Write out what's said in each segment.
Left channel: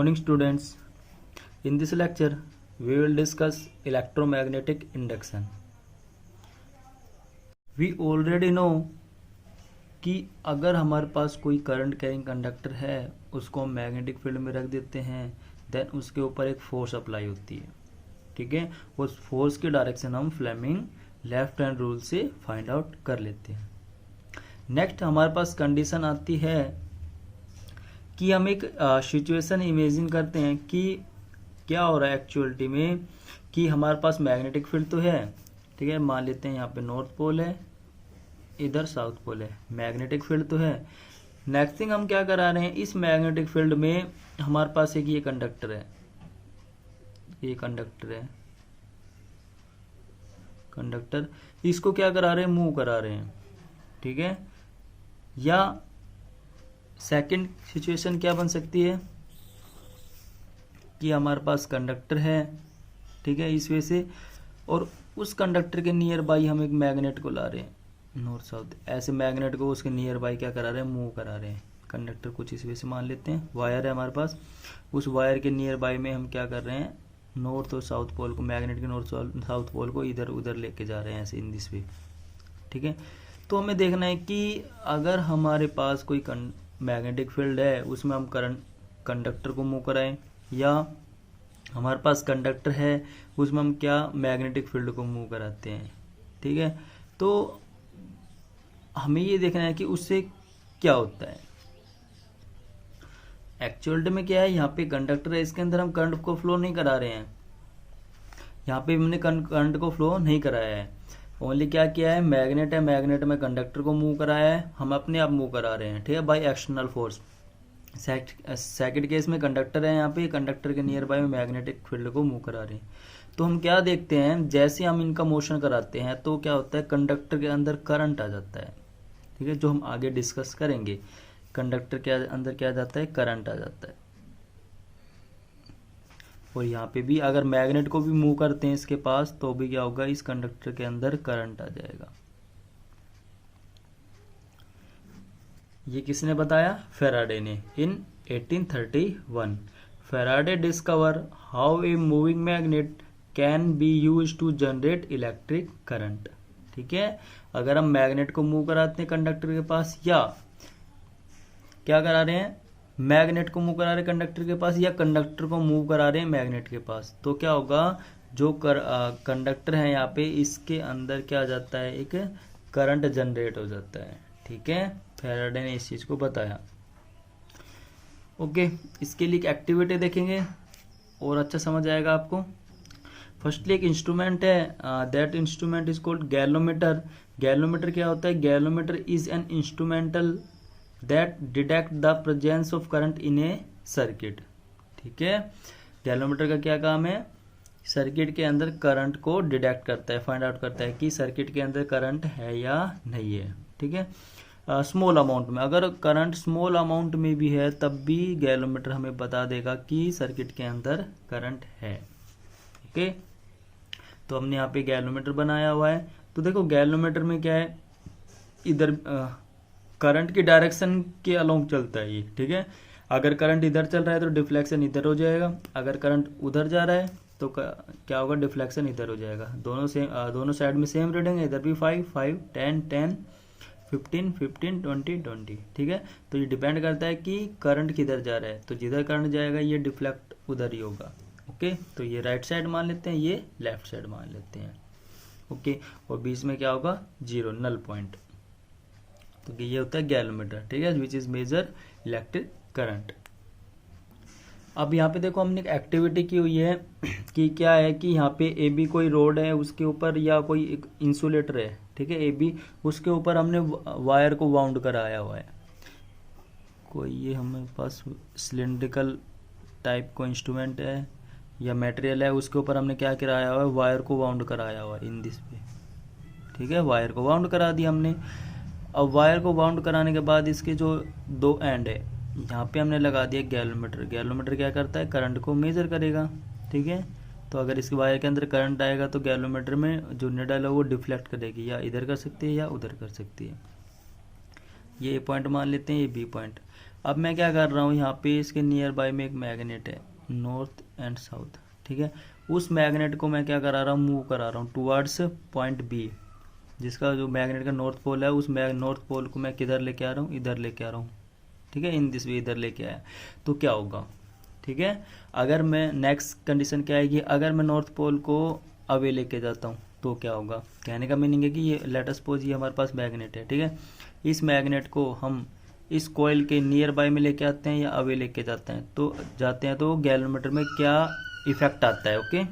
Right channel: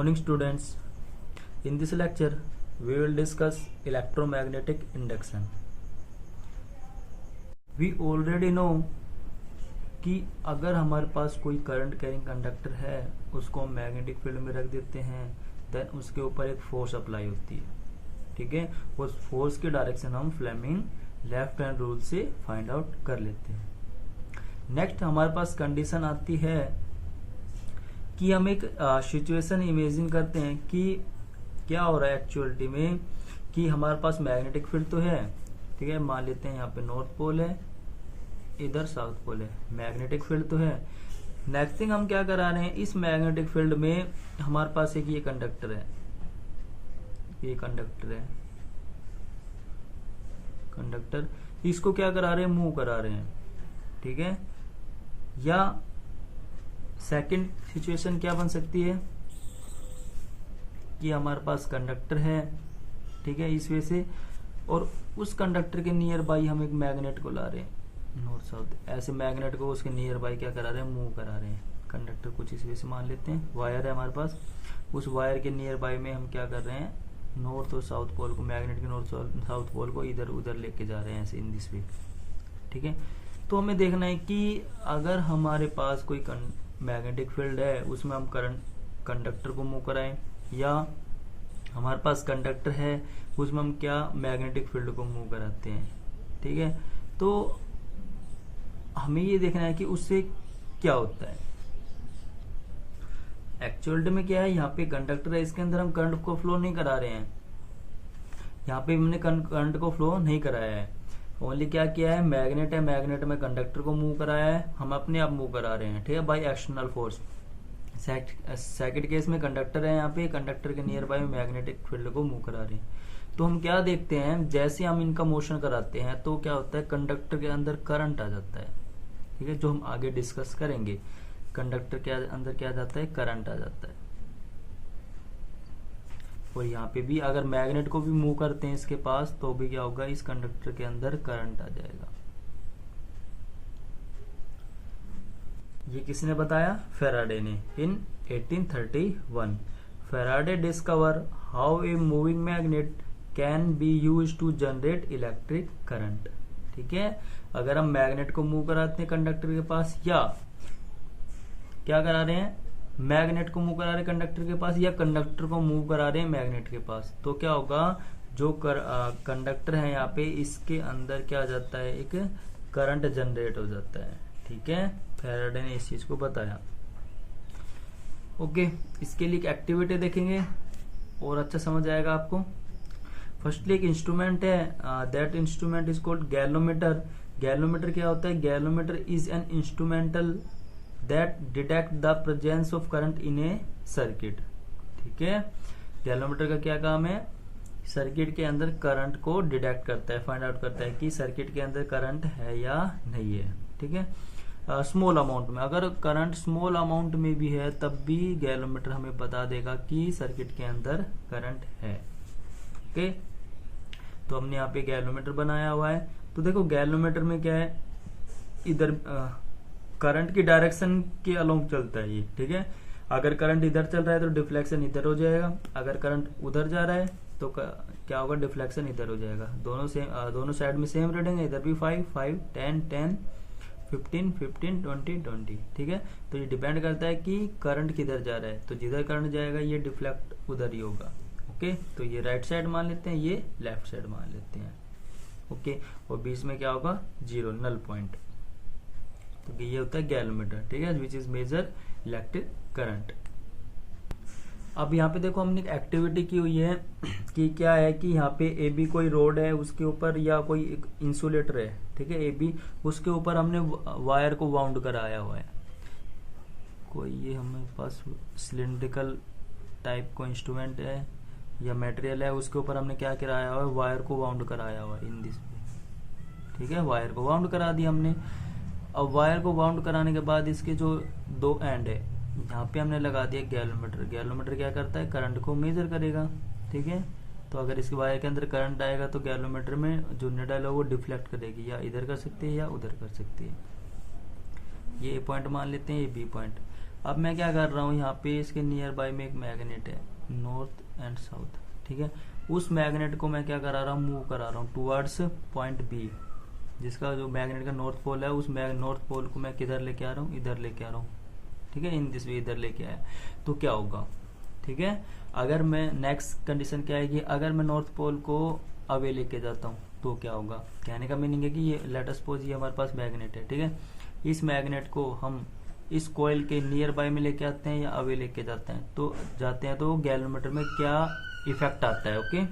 morning students. In this lecture we will discuss electromagnetic induction. We already know कि अगर हमारे पास कोई current carrying conductor है उसको हम मैग्नेटिक फील्ड में रख देते हैं, देन उसके ऊपर एक फोर्स अप्लाई होती है. ठीक है, उस फोर्स की डायरेक्शन हम फ्लेमिंग लेफ्ट हैंड रूल से फाइंड आउट कर लेते हैं. नेक्स्ट हमारे पास कंडीशन आती है कि हम एक सिचुएशन इमेजिन करते हैं कि क्या हो रहा है एक्चुअलिटी में, कि हमारे पास मैग्नेटिक फील्ड तो है. ठीक है, मान लेते हैं यहाँ पे नॉर्थ पोल है, इधर साउथ पोल है, मैग्नेटिक फील्ड तो है. नेक्स्ट थिंग हम क्या करा रहे हैं, इस मैग्नेटिक फील्ड में हमारे पास एक ये कंडक्टर है, ये कंडक्टर है, कंडक्टर इसको क्या करा रहे हैं, मूव करा रहे हैं. ठीक है, या सेकंड सिचुएशन क्या बन सकती है कि हमारे पास कंडक्टर है, ठीक है, इस वजह से, और उस कंडक्टर के नियर बाई हम एक मैग्नेट को ला रहे हैं नॉर्थ साउथ, ऐसे मैग्नेट को उसके नियर बाई क्या करा रहे हैं, मूव करा रहे हैं. कंडक्टर कुछ इस वजह से मान लेते हैं, वायर है हमारे पास, उस वायर के नियर बाई में हम क्या कर रहे हैं, नॉर्थ और साउथ पोल को, मैग्नेट के नॉर्थ साउथ पोल को इधर उधर लेके जा रहे हैं ऐसे इन दिस वे. ठीक है, तो हमें देखना है कि अगर हमारे पास कोई मैग्नेटिक फील्ड है उसमें हम करंट कंडक्टर को मूव कराएं, या हमारे पास कंडक्टर है उसमें हम क्या मैग्नेटिक फील्ड को मूव कराते हैं. ठीक है, तो हमें ये देखना है कि उससे क्या होता है. एक्चुअल में क्या है, यहाँ पे कंडक्टर है, इसके अंदर हम करंट को फ्लो नहीं करा रहे हैं, यहाँ पे हमने करंट को फ्लो नहीं कराया है, ओनली क्या किया है, मैग्नेट है, मैग्नेट में कंडक्टर को मूव कराया है, हम अपने आप मूव करा रहे हैं. ठीक है, by external force. Second case में कंडक्टर है, यहाँ पे कंडक्टर के नियर बाय में मैग्नेटिक फील्ड को मूव करा रहे हैं. तो हम क्या देखते हैं, जैसे हम इनका मोशन कराते हैं तो क्या होता है, कंडक्टर के अंदर करंट आ जाता है. ठीक है, जो हम आगे डिस्कस करेंगे, कंडक्टर के अंदर क्या आ जाता है, करंट आ जाता है. और यहाँ पे भी अगर मैग्नेट को भी मूव करते हैं इसके पास तो भी क्या होगा, इस कंडक्टर के अंदर करंट आ जाएगा. ये किसने बताया, फैराडे ने, in 1831. Faraday discover how a moving magnet can be used to generate electric current. ठीक है, अगर हम मैग्नेट को मूव कराते हैं कंडक्टर के पास, या क्या करा रहे हैं, मैग्नेट को मूव करा रहे हैं कंडक्टर के पास, या कंडक्टर को मूव करा रहे हैं मैग्नेट के पास, तो क्या होगा, जो कंडक्टर है यहाँ पे इसके अंदर क्या आ जाता है, एक करंट जनरेट हो जाता है. ठीक है, फैराडे ने इस चीज को बताया. ओके, इसके लिए एक एक्टिविटी देखेंगे और अच्छा समझ आएगा आपको. फर्स्टली एक इंस्ट्रूमेंट है, that instrument is called galvanometer. Galvanometer क्या होता है, galvanometer is an instrumental that detect the presence of current in A circuit. ठीक है, गैलोमीटर का क्या काम है, सर्किट के अंदर करंट को डिटेक्ट करता है, फाइंड आउट करता है कि सर्किट के अंदर करंट है या नहीं है. ठीक है, स्मॉल अमाउंट में, अगर करंट स्मॉल अमाउंट में भी है तब भी गैलोमीटर हमें बता देगा कि सर्किट के अंदर करंट है. ओके, तो हमने यहाँ पे गैलोमीटर बनाया हुआ है. तो देखो गैलोमीटर में क्या है, इधर करंट की डायरेक्शन के अलोंग चलता है ये. ठीक है, अगर करंट इधर चल रहा है तो डिफ्लेक्शन इधर हो जाएगा, अगर करंट उधर जा रहा है तो क्या होगा, डिफ्लेक्शन इधर हो जाएगा. दोनों साइड में सेम रीडिंग है, इधर भी 5 5 10 10 15 15 20 20. ठीक है, तो ये डिपेंड करता है कि करंट किधर जा रहा है, तो जिधर करंट जाएगा ये डिफ्लेक्ट उधर ही होगा. ओके, तो ये राइट साइड मान लेते हैं, ये लेफ्ट साइड मान लेते हैं. ओके, और बीच में क्या होगा, जीरो, नल पॉइंट. तो ये होता है गैलोमीटर. ठीक है, which is measure electric current. अब यहाँ पे देखो हमने एक एक्टिविटी की हुई है कि क्या है कि यहाँ पे ए बी कोई रोड है, उसके ऊपर या कोई एक इंसुलेटर है. ठीक है, ए बी, उसके ऊपर हमने वायर को वाउंड कराया हुआ है. कोई ये हमारे पास सिलिंड्रिकल टाइप को इंस्ट्रूमेंट है या मटेरियल है, उसके ऊपर हमने क्या कराया हुआ है, वायर को वाउंड कराया हुआ है इन दिस पे. ठीक है, वायर को वाउंड करा दिया हमने. अब वायर को वाउंड कराने के बाद इसके जो दो एंड है यहाँ पे हमने लगा दिया गैलोमीटर. गैलोमीटर क्या करता है, करंट को मेजर करेगा. ठीक है, तो अगर इसके वायर के अंदर करंट आएगा तो गैलोमीटर में जो निडल है वो डिफ्लेक्ट करेगी, या इधर कर सकती है या उधर कर सकती है. ये पॉइंट मान लेते हैं, ये बी पॉइंट. अब मैं क्या कर रहा हूँ, यहाँ पे इसके नियर बाय में एक मैग्नेट है नॉर्थ एंड साउथ, ठीक है। उस मैग्नेट को मैं क्या करा रहा हूँ, मूव करा रहा हूँ टुवर्ड्स पॉइंट बी, जिसका जो मैग्नेट का नॉर्थ पोल है, उस नॉर्थ पोल को मैं किधर लेके आ रहा हूँ, इधर लेके आ रहा हूँ, ठीक है। इन दिस वे इधर लेके आया तो क्या होगा, ठीक है। अगर मैं नेक्स्ट कंडीशन क्या आएगी, अगर मैं नॉर्थ पोल को अवे लेके जाता हूँ तो क्या होगा। कहने का मीनिंग है कि ये लेट अस सपोज ये हमारे पास मैग्नेट है, ठीक है। इस मैग्नेट को हम इस कॉइल के नियर बाय में लेके आते हैं या अवे लेके जाते हैं, तो गैल्वेनोमीटर में क्या इफेक्ट आता है, okay.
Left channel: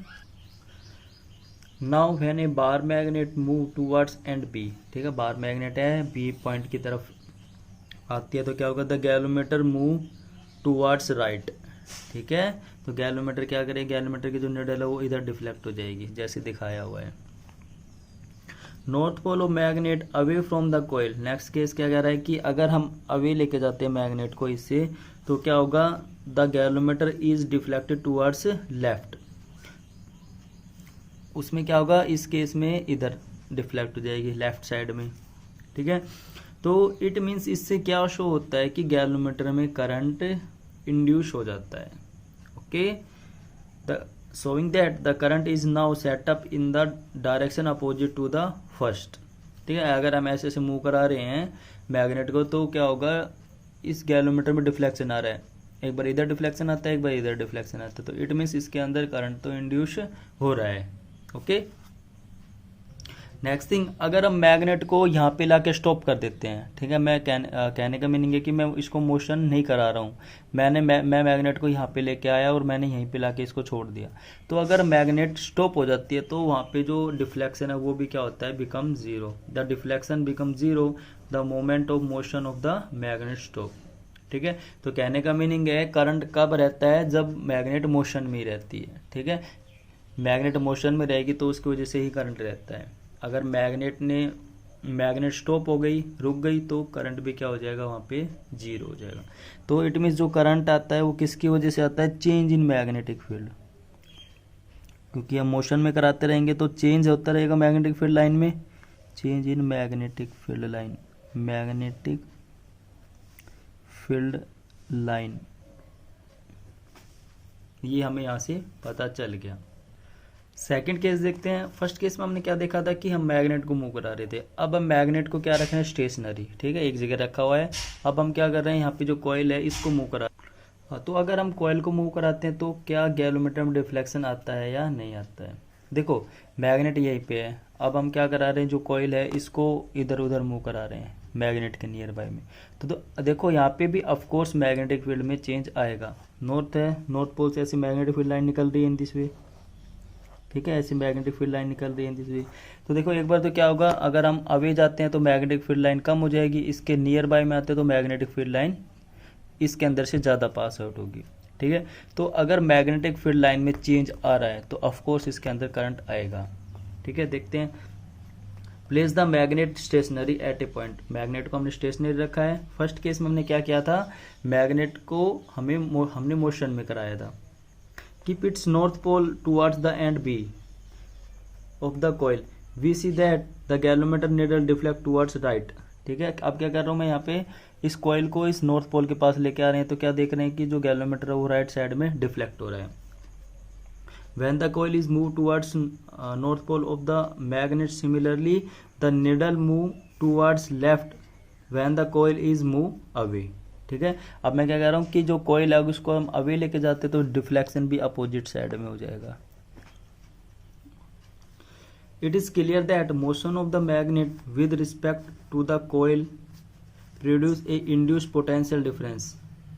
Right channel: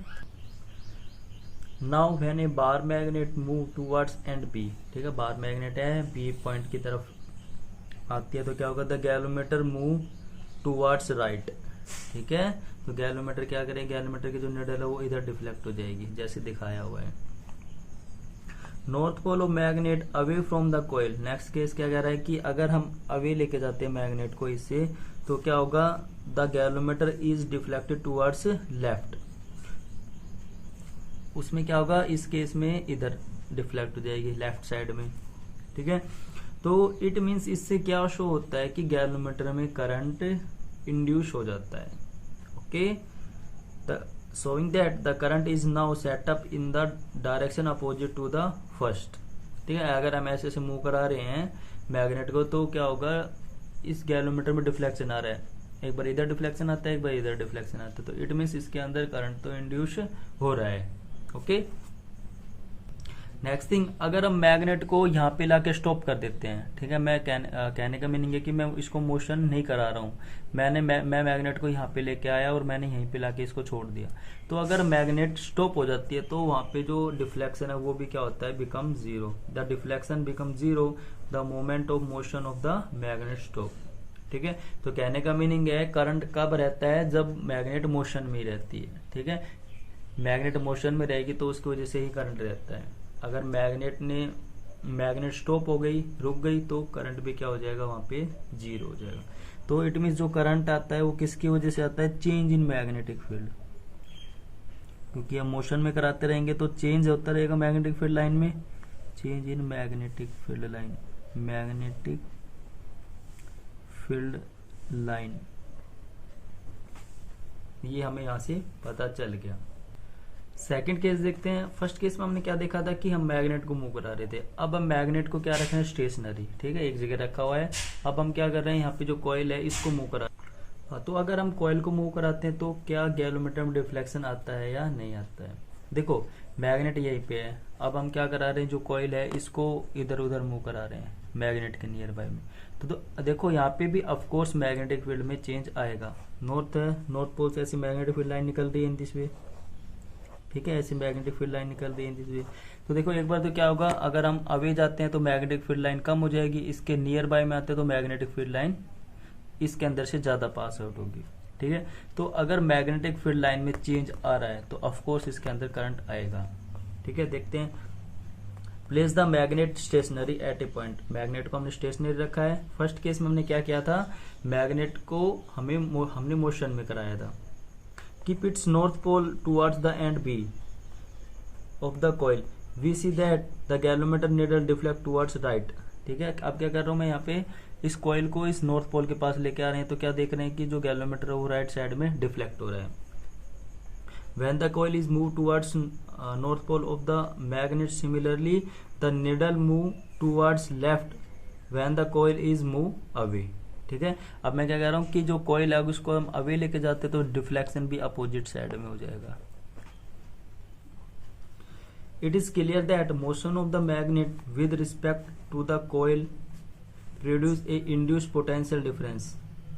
Now when a bar magnet move towards end B, ठीक है, बार मैग्नेट है बी पॉइंट की तरफ आती है तो क्या होगा, the galvanometer move towards right, ठीक है। तो गैल्वेनोमीटर क्या करेगा, गैल्वेनोमीटर की जो निडल है वो इधर डिफ्लेक्ट हो जाएगी जैसे दिखाया हुआ है। North pole of magnet away from the coil, next case क्या कह रहा है कि अगर हम अवे लेके जाते हैं मैग्नेट को इससे तो क्या होगा, the galvanometer is deflected towards left, उसमें क्या होगा, इस केस में इधर डिफ्लेक्ट हो जाएगी लेफ्ट साइड में, ठीक है। तो इट मीन्स इससे क्या शो होता है कि गैल्वेनोमीटर में करंट इंड्यूस हो जाता है, okay. The showing that the current is now set up in the direction opposite to the first, ठीक है। अगर हम ऐसे मूव करा रहे हैं मैग्नेट को तो क्या होगा, इस गैल्वेनोमीटर में डिफ्लेक्शन आ रहा है, एक बार इधर डिफ्लेक्शन आता है, एक बार इधर डिफ्लेक्शन आता है, तो इट मीन्स इसके अंदर करंट तो इंड्यूस हो रहा है, ओके। नेक्स्ट थिंग, अगर हम मैग्नेट को यहाँ पे लाके स्टॉप कर देते हैं, ठीक है, मैं कहने का मीनिंग है कि मैं इसको मोशन नहीं करा रहा हूँ, मैं मैग्नेट को यहाँ पे लेके आया और मैंने यहीं पे लाके इसको छोड़ दिया, तो अगर मैग्नेट स्टॉप हो जाती है तो वहाँ पे जो डिफ्लेक्शन है वो भी क्या होता है, become zero, the deflection become zero the moment of motion of the magnet stop, ठीक है। तो कहने का मीनिंग है करंट कब रहता है, जब मैग्नेट मोशन में रहती है, ठीक है। मैग्नेट मोशन में रहेगी तो उसकी वजह से ही करंट रहता है, अगर मैग्नेट स्टॉप हो गई, रुक गई, तो करंट भी क्या हो जाएगा, वहां पे जीरो हो जाएगा। तो इट मीन्स जो करंट आता है वो किसकी वजह से आता है, चेंज इन मैग्नेटिक फील्ड, क्योंकि हम मोशन में कराते रहेंगे तो चेंज होता रहेगा मैग्नेटिक फील्ड लाइन में, change in magnetic field line, magnetic field line, ये हमें यहां से पता चल गया। सेकंड केस देखते हैं। फर्स्ट केस में हमने क्या देखा था कि हम मैग्नेट को मूव करा रहे थे, अब हम मैग्नेट को क्या रख रहे हैं, स्टेशनरी, ठीक है, एक जगह रखा हुआ है। अब हम क्या कर रहे हैं, यहाँ पे जो कॉइल है इसको मूव करा, तो अगर हम कॉइल को मूव कराते हैं तो क्या गैल्वेनोमीटर में डिफ्लेक्शन आता है या नहीं आता है। देखो मैग्नेट यहीं पे है, अब हम क्या करा रहे हैं, जो कॉइल है इसको इधर उधर मूव करा रहे हैं मैग्नेट के नियर बाय में, तो देखो यहाँ पे भी ऑफकोर्स मैग्नेटिक फील्ड में चेंज आएगा। नॉर्थ है, नॉर्थ पोल से ऐसी मैग्नेटिक फील्ड लाइन निकल रही है इन दिस वे, ठीक है, ऐसी मैग्नेटिक फील्ड लाइन निकल रही है इन दिस वे। तो देखो एक बार तो क्या होगा, अगर हम अवे जाते हैं तो मैग्नेटिक फील्ड लाइन कम हो जाएगी, इसके नियर बाय में आते हैं तो मैग्नेटिक फील्ड लाइन इसके अंदर से ज्यादा पास आउट होगी, ठीक है। तो अगर मैग्नेटिक फील्ड लाइन में चेंज आ रहा है तो ऑफकोर्स इसके अंदर करंट आएगा, ठीक है। देखते हैं, place the magnet stationary at a point, magnet को हमने स्टेशनरी रखा है। फर्स्ट केस में हमने क्या किया था, मैग्नेट को हमने मोशन में कराया था। Keep its north pole towards the end B of the coil, we see that the galvanometer needle deflect towards right, ठीक है। अब क्या कर रहा हूं मैं, यहाँ पे इस कॉइल को इस नॉर्थ पोल के पास लेके आ रहे हैं तो क्या देख रहे हैं कि जो गैल्वेनोमीटर है वो राइट साइड में डिफ्लेक्ट हो रहा है। When the coil is moved towards north pole of the magnet, similarly the needle move towards left when the coil is moved away, ठीक है। अब मैं क्या कह रहा हूँ कि जो कॉइल है उसको हम अवे लेके जाते तो डिफ्लेक्शन भी अपोजिट साइड में हो जाएगा। It is clear that motion of the magnet with respect to the coil produce a induced potential difference,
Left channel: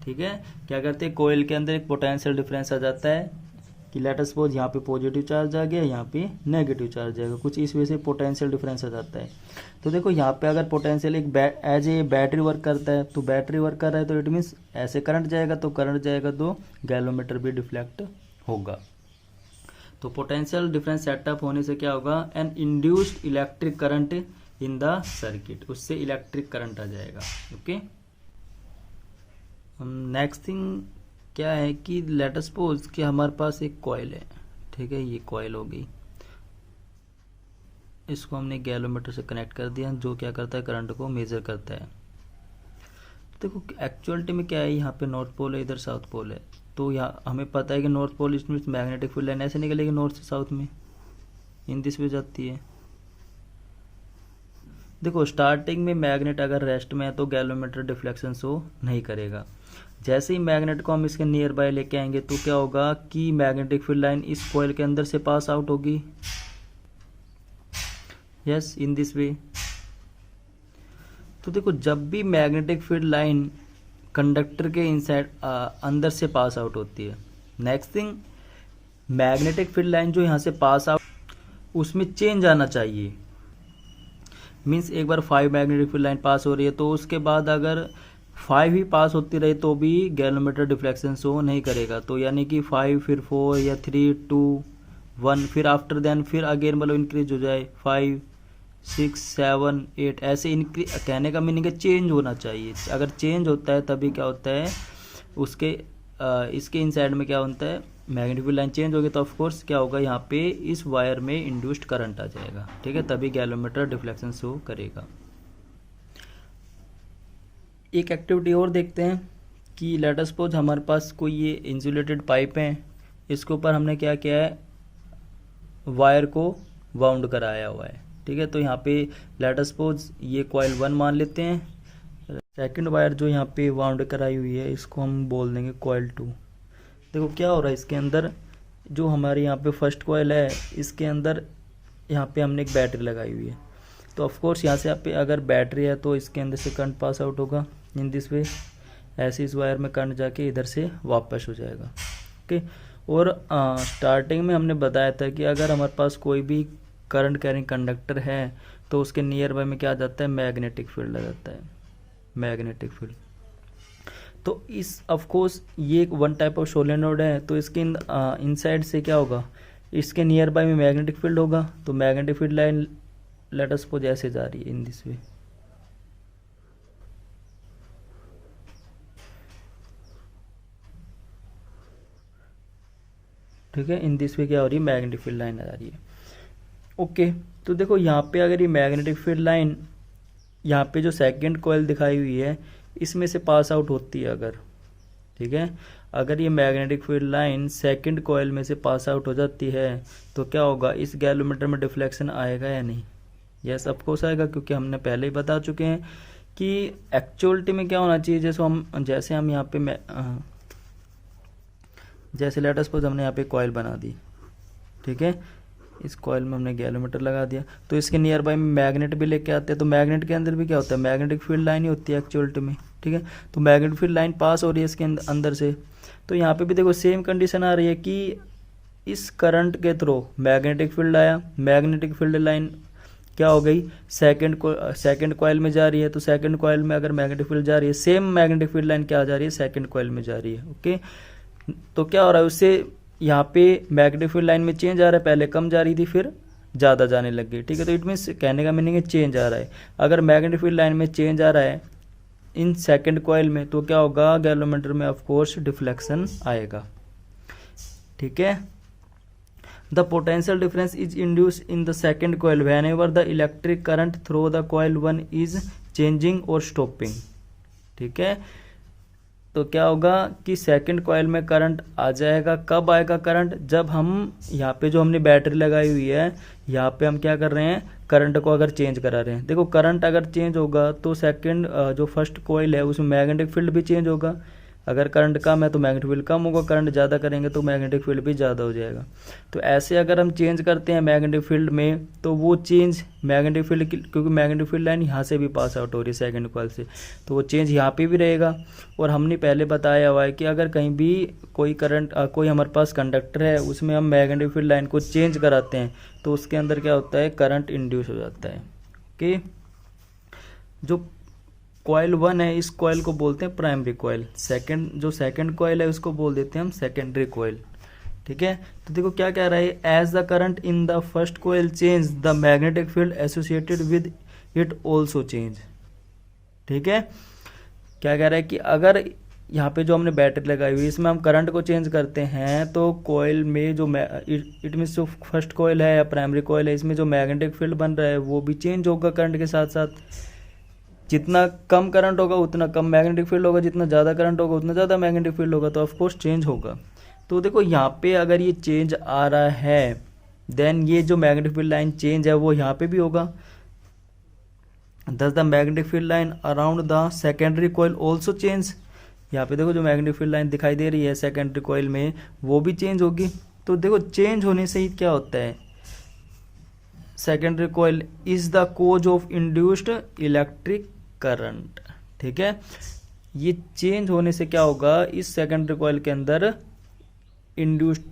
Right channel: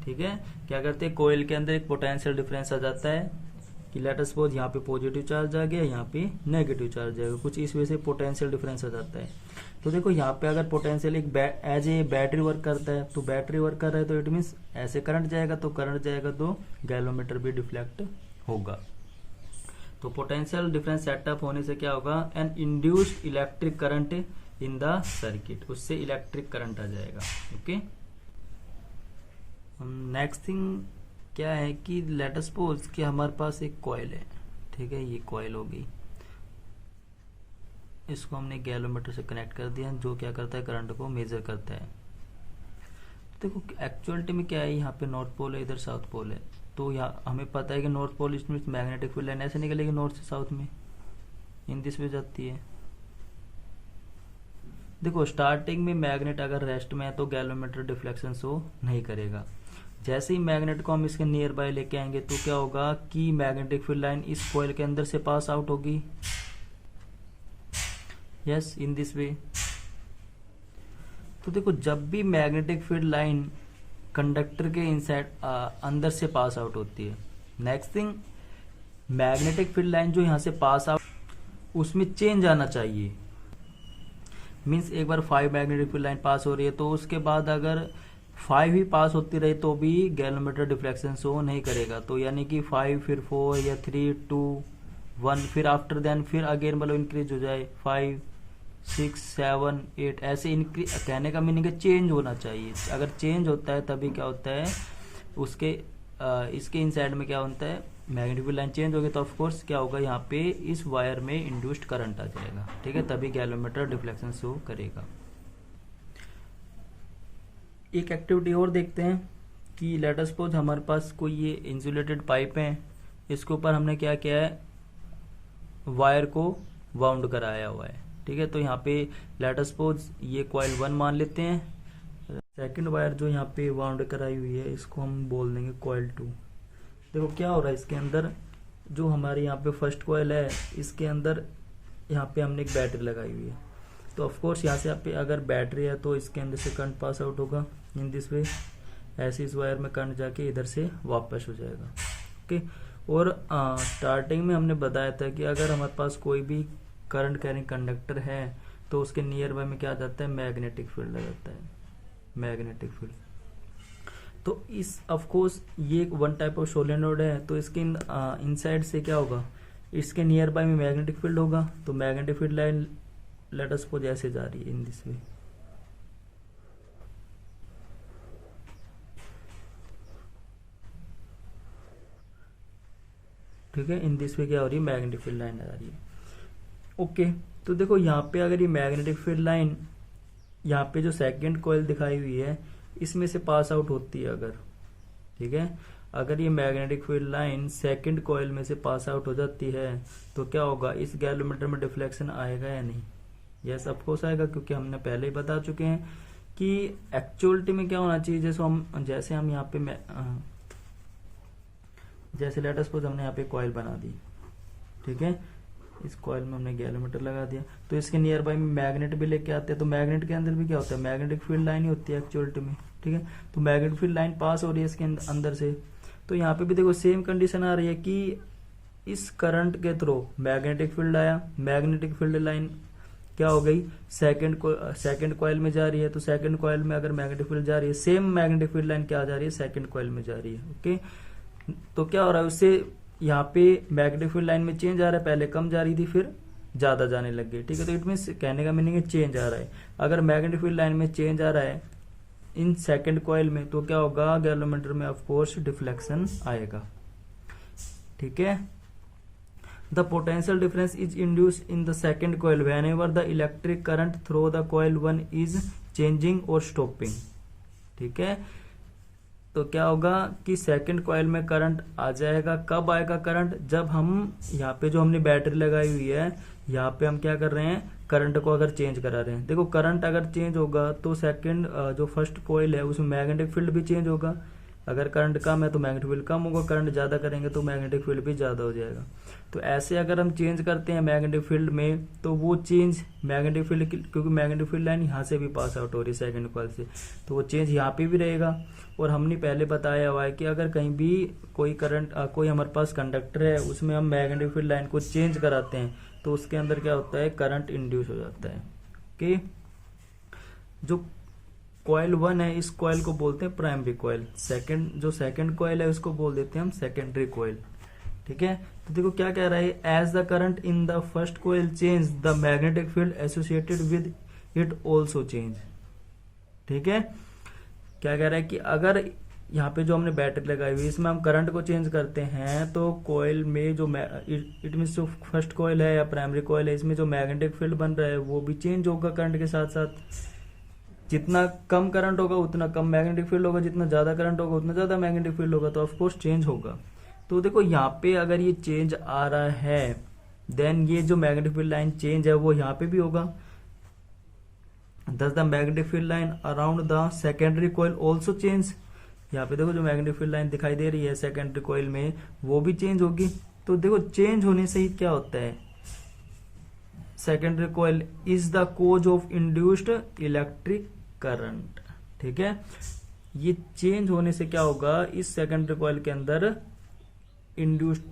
ठीक है। क्या करते हैं, कॉइल के अंदर एक पोटेंशियल डिफरेंस आ जाता है कि लेट अस सपोज यहाँ पे पॉजिटिव चार्ज आ गया, यहाँ पे नेगेटिव चार्ज आएगा, कुछ इस वजह से पोटेंशियल डिफरेंस आ जाता है। तो देखो यहाँ पे अगर पोटेंशियल एक एज ए बैटरी वर्क करता है, तो बैटरी वर्क कर रहा है तो इट मीन्स ऐसे करंट जाएगा, तो करंट जाएगा तो गैल्वेनोमीटर भी डिफ्लेक्ट होगा। तो पोटेंशियल डिफरेंस सेटअप होने से क्या होगा, an induced electric current in the circuit, उससे इलेक्ट्रिक करंट आ जाएगा, ओके। नेक्स्ट थिंग क्या है कि लेट अस सपोज कि हमारे पास एक कॉइल है, ठीक है, ये कॉइल हो गई, इसको हमने गैल्वेनोमीटर से कनेक्ट कर दिया जो क्या करता है, करंट को मेजर करता है। देखो एक्चुअलिटी में क्या है, यहाँ पे नॉर्थ पोल है, इधर साउथ पोल है, तो यहाँ हमें पता है कि नॉर्थ पोल इसमें मैग्नेटिक फील्ड लाइन ऐसे निकलेगी नॉर्थ से साउथ में, इन दिस वे जाती है। देखो स्टार्टिंग में मैग्नेट अगर रेस्ट में है तो गैलोमीटर डिफ्लेक्शन शो नहीं करेगा। जैसे ही मैग्नेट को हम इसके नियर बाय लेके आएंगे तो क्या होगा कि मैग्नेटिक फील्ड लाइन इस कॉइल के अंदर से पास आउट होगी, यस, इन दिस वे। तो देखो जब भी मैग्नेटिक फील्ड लाइन कंडक्टर के इनसाइड अंदर से पास आउट होती है, next thing magnetic field line जो यहाँ से पास आउट, उसमें चेंज आना चाहिए। मीन्स एक बार 5 मैग्नेटिक फील्ड लाइन पास हो रही है तो उसके बाद अगर 5 ही पास होती रही तो भी गैलोमीटर डिफ्लेक्शन शो नहीं करेगा। तो यानी कि 5 फिर 4 या 3 2 1 फिर आफ्टर देन फिर अगेन मतलब इंक्रीज हो जाए 5 6 7 8 ऐसे इंक्रीज। कहने का मीनिंग है चेंज होना चाहिए। अगर चेंज होता है तभी क्या होता है उसके इसके इनसाइड में क्या होता है, मैग्नेटिक फील्ड लाइन चेंज होगी तो ऑफ कोर्स क्या होगा यहाँ पे इस वायर में इंड्यूस्ड करंट आ जाएगा, ठीक है, तभी गैलोमीटर डिफ्लेक्शन शो करेगा। एक एक्टिविटी और देखते हैं कि लेट अस सपोज हमारे पास कोई ये इंसुलेटेड पाइप है, इसके ऊपर हमने क्या किया है, वायर को वाउंड कराया हुआ है, ठीक है। तो यहाँ पे लेट अस सपोज ये कॉइल 1 मान लेते हैं, सेकंड वायर जो यहाँ पे वाउंड कराई हुई है इसको हम बोल देंगे कॉइल 2। देखो क्या हो रहा है इसके अंदर, जो हमारे यहाँ पे फर्स्ट कॉइल है इसके अंदर यहाँ पे हमने एक बैटरी लगाई हुई है, तो ऑफ कोर्स यहाँ से यहाँ पे अगर बैटरी है तो इसके अंदर से करंट पास आउट होगा इन दिस वे, ऐसे इस वायर में करंट जाके इधर से वापस हो जाएगा, ओके। और स्टार्टिंग में हमने बताया था कि अगर हमारे पास कोई भी करंट कैरिंग कंडक्टर है तो उसके नियर बाय में क्या आ जाता है, मैग्नेटिक फील्ड आ जाता है, मैग्नेटिक फील्ड। तो इस ऑफ कोर्स ये एक वन टाइप ऑफ सोलेनोइड है, तो इसके इनसाइड से क्या होगा, इसके नियर बाय में मैग्नेटिक फील्ड होगा। तो magnetic field line let us suppose ऐसे जा रही है इन दिस वे, ठीक है, इन दिस वे क्या हो रही है, मैग्नेटिक फील्ड लाइन आ रही है, ओके। तो देखो यहाँ पे अगर ये मैग्नेटिक फील्ड लाइन यहाँ पे जो सेकंड कॉइल दिखाई हुई है इसमें से पास आउट होती है अगर, ठीक है, अगर ये magnetic field line second coil में से पास आउट हो जाती है तो क्या होगा, इस गैलोमीटर में डिफ्लेक्शन आएगा या नहीं, यस ऑफ कोर्स आएगा, क्योंकि हमने पहले ही बता चुके हैं कि एक्चुअलिटी में क्या होना चाहिए। जैसे हम यहाँ पे जैसे लेट अस सपोज हमने यहाँ पे कॉइल बना दी, ठीक है, इस कॉइल में हमने गैलोमीटर लगा दिया, तो इसके नियर बाय में मैग्नेट भी लेके आते हैं, तो मैग्नेट के अंदर भी क्या होता है, मैग्नेटिक फील्ड लाइन ही होती है एक्चुअलिटी में, ठीक है। तो मैग्नेटिक फील्ड लाइन पास हो रही है इसके अंदर से, तो यहाँ पे भी देखो सेम कंडीशन आ रही है कि इस करंट के थ्रू मैग्नेटिक फील्ड आया, मैग्नेटिक फील्ड लाइन क्या हो गई, सेकंड कॉइल में जा रही है, तो सेकंड कॉइल में अगर मैग्नेटिक फील्ड जा रही है, सेम मैग्नेटिक फील्ड लाइन क्या जा रही है, सेकंड कॉइल में जा रही है, ओके। तो क्या हो रहा है उससे यहाँ पे मैग्नेटिक फील्ड लाइन में चेंज आ रहा है, पहले कम जा रही थी फिर ज़्यादा जाने लग गई, ठीक है। तो इट मीन्स कहने का मीनिंग है चेंज आ रहा है। अगर मैग्नेटिक फील्ड लाइन में चेंज आ रहा है इन सेकंड कॉइल में तो क्या होगा, गैलोमीटर में ऑफ कोर्स डिफ्लेक्शन आएगा, ठीक है। The potential difference is induce in the second coil when ever the electric current through the coil 1 is changing और स्टॉपिंग, ठीक है। तो क्या होगा कि सेकंड कॉइल में करंट आ जाएगा, कब आएगा करंट, जब हम यहाँ पे जो हमने बैटरी लगाई हुई है यहाँ पे हम क्या कर रहे हैं, करंट को अगर चेंज करा रहे हैं। देखो करंट अगर चेंज होगा तो सेकंड जो फर्स्ट कॉइल है उसमें मैग्नेटिक फील्ड भी चेंज होगा, अगर करंट कम है तो मैग्नेटिक फील्ड कम होगा, करंट ज़्यादा करेंगे तो मैग्नेटिक फील्ड भी ज़्यादा हो जाएगा। तो ऐसे अगर हम चेंज करते हैं मैग्नेटिक फील्ड में तो वो चेंज मैग्नेटिक फील्ड, क्योंकि मैग्नेटिक फील्ड लाइन यहाँ से भी पास आउट हो रही है सेकंड कॉइल से, तो वो चेंज यहाँ पे भी रहेगा। और हमने पहले बताया हुआ है कि अगर कहीं भी कोई करंट कोई हमारे पास कंडक्टर है उसमें हम मैग्नेटिक फील्ड लाइन को चेंज कराते हैं तो उसके अंदर क्या होता है, करंट इंड्यूस हो जाता है, कि जो कॉइल 1 है इस कॉइल को बोलते हैं प्राइमरी कॉइल, जो सेकंड कॉइल है उसको बोल देते हैं हम सेकेंडरी कॉइल, ठीक है। तो देखो क्या कह रहा है, as the current in the first coil change the magnetic field associated with it also change, ठीक है। क्या कह रहा है कि अगर यहाँ पे जो हमने बैटरी लगाई हुई है इसमें हम करंट को चेंज करते हैं तो कॉइल में जो इट मीन्स जो फर्स्ट कॉइल है या प्राइमरी कॉइल है इसमें जो मैग्नेटिक फील्ड बन रहा है वो भी चेंज होगा करंट के साथ साथ, जितना कम करंट होगा उतना कम मैग्नेटिक फील्ड होगा, जितना ज़्यादा करंट होगा उतना ज़्यादा मैग्नेटिक फील्ड होगा, तो ऑफकोर्स चेंज होगा। तो देखो यहाँ पे अगर ये चेंज आ रहा है देन ये जो मैग्नेटिक फील्ड लाइन चेंज है वो यहाँ पे भी होगा। दस the magnetic field line around the secondary coil also change. यहाँ पे देखो जो मैग्नेटिक फील्ड लाइन दिखाई दे रही है सेकेंडरी कॉइल में वो भी चेंज होगी। तो देखो चेंज होने से ही क्या होता है, secondary coil is the cause of induced electric current. ठीक है, ये चेंज होने से क्या होगा, इस सेकेंडरी कॉइल के अंदर इंड्यूस्ड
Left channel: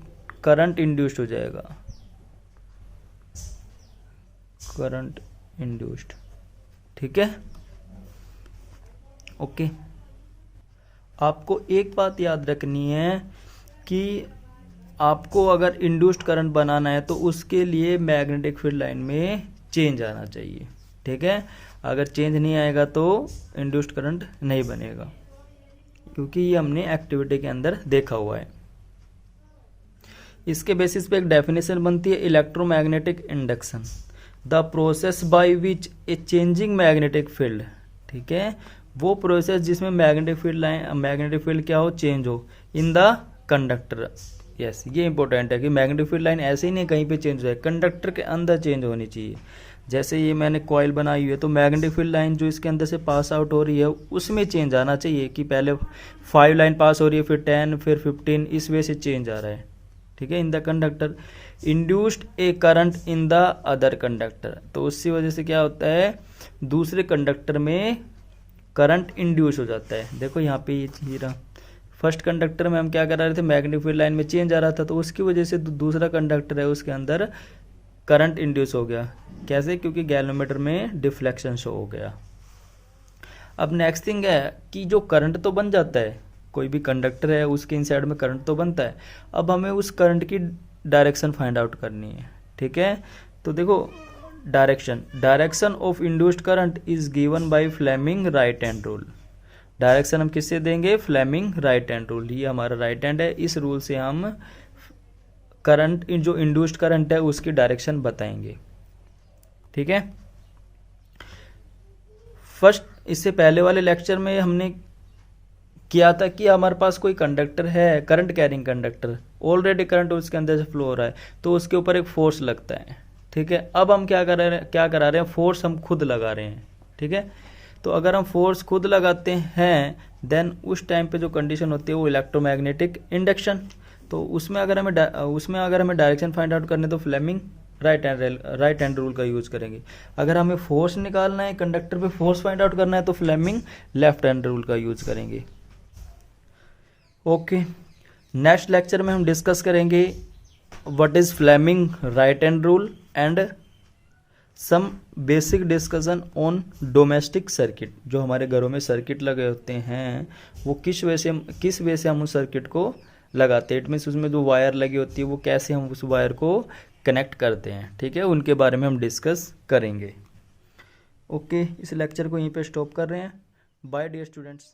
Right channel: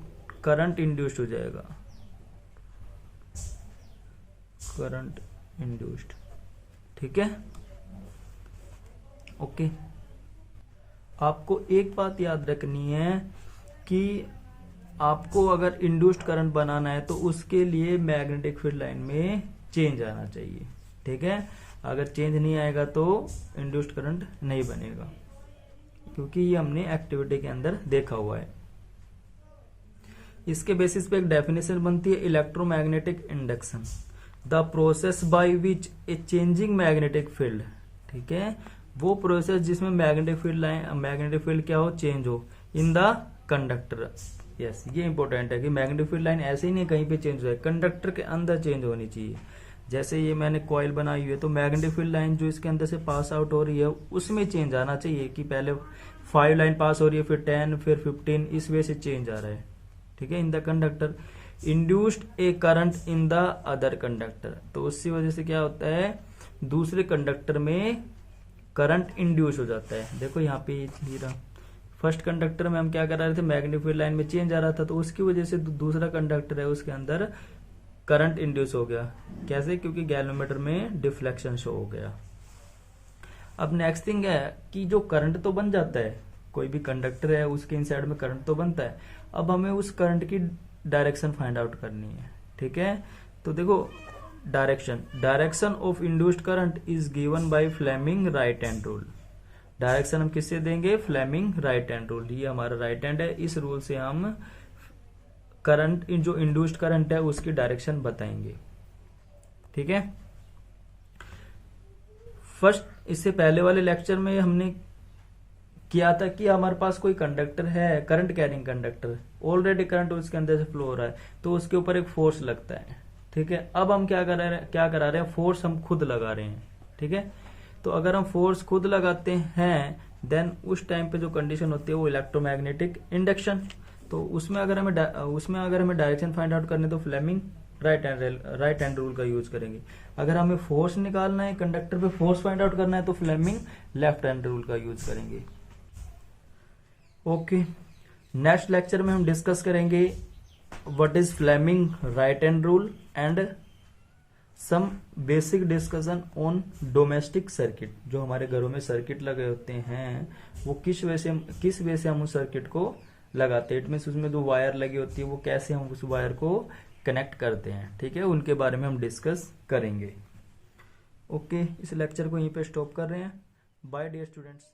करंट इंड्यूस्ड हो जाएगा, करंट इंड्यूस्ड। ठीक है, ओके। आपको एक बात याद रखनी है कि आपको अगर इंड्यूस्ड करंट बनाना है तो उसके लिए मैग्नेटिक फील्ड लाइन में चेंज आना चाहिए। ठीक है, अगर चेंज नहीं आएगा तो इंड्यूस्ड करंट नहीं बनेगा, क्योंकि ये हमने एक्टिविटी के अंदर देखा हुआ है। इसके बेसिस पे एक डेफिनेशन बनती है electromagnetic induction, the process by which a changing magnetic field. ठीक है, वो प्रोसेस जिसमें मैग्नेटिक फील्ड क्या हो, चेंज हो इन द कंडक्टर। यस, ये इंपॉर्टेंट है कि मैग्नेटिक फील्ड लाइन ऐसे ही नहीं कहीं पे चेंज हो जाए, कंडक्टर के अंदर चेंज होनी चाहिए। जैसे ये मैंने कॉइल बनाई हुई है तो मैग्नेटिक फील्ड लाइन जो इसके अंदर से पास आउट हो रही है उसमें चेंज आना चाहिए कि पहले 5 लाइन पास हो रही है, फिर 10, फिर 15, इस वे से चेंज आ रहा है। ठीक है, in the conductor induced A current in the other conductor, तो उसी वजह से क्या होता है, दूसरे कंडक्टर में करंट इंड्यूस हो जाता है। देखो यहाँ पे ये चीज रहा, फर्स्ट कंडक्टर में हम क्या करा रहे थे, मैग्नेटिक फील्ड लाइन में चेंज आ रहा था, तो उसकी वजह से दूसरा कंडक्टर है उसके अंदर करंट इंड्यूस हो गया। कैसे, क्योंकि गैल्वेनोमीटर में डिफ्लेक्शन शो हो गया। अब नेक्स्ट थिंग है कि जो करंट तो बन जाता है, कोई भी कंडक्टर है उसके इनसाइड में करंट तो बनता है, अब हमें उस करंट की डायरेक्शन फाइंड आउट करनी है। ठीक है, तो देखो direction of induced current is given by Fleming right hand rule. Direction हम किससे देंगे, फ्लेमिंग राइट हैंड रूल, ये हमारा राइट हैंड है, इस रूल से हम करंट, जो इंड्यूस्ड करंट है उसकी डायरेक्शन बताएंगे। ठीक है, फर्स्ट इससे पहले वाले लेक्चर में हमने किया था कि हमारे पास कोई कंडक्टर है, current carrying conductor, already current उसके अंदर से फ्लो हो रहा है, तो उसके ऊपर एक फोर्स लगता है। ठीक है, अब हम क्या करा रहे हैं, फोर्स हम खुद लगा रहे हैं। ठीक है, तो अगर हम फोर्स खुद लगाते हैं देन उस टाइम पे जो कंडीशन होती है वो इलेक्ट्रोमैग्नेटिक इंडक्शन। तो उसमें अगर हमें डायरेक्शन फाइंड आउट करने तो फ्लेमिंग राइट हैंड रूल का यूज करेंगे। अगर हमें फोर्स निकालना है, कंडक्टर पे फोर्स फाइंड आउट करना है तो फ्लेमिंग लेफ्ट हैंड रूल का यूज करेंगे। ओके, नेक्स्ट लेक्चर में हम डिस्कस करेंगे what is Fleming right hand rule and some basic discussion on domestic circuit. जो हमारे घरों में सर्किट लगे होते हैं वो किस वे से हम उस सर्किट को लगाते हैं, इट मीन्स उसमें जो वायर लगी होती है वो कैसे हम उस वायर को कनेक्ट करते हैं। ठीक है, उनके बारे में हम डिस्कस करेंगे। ओके, इस लेक्चर को यहीं पे स्टॉप कर रहे हैं। Bye dear students.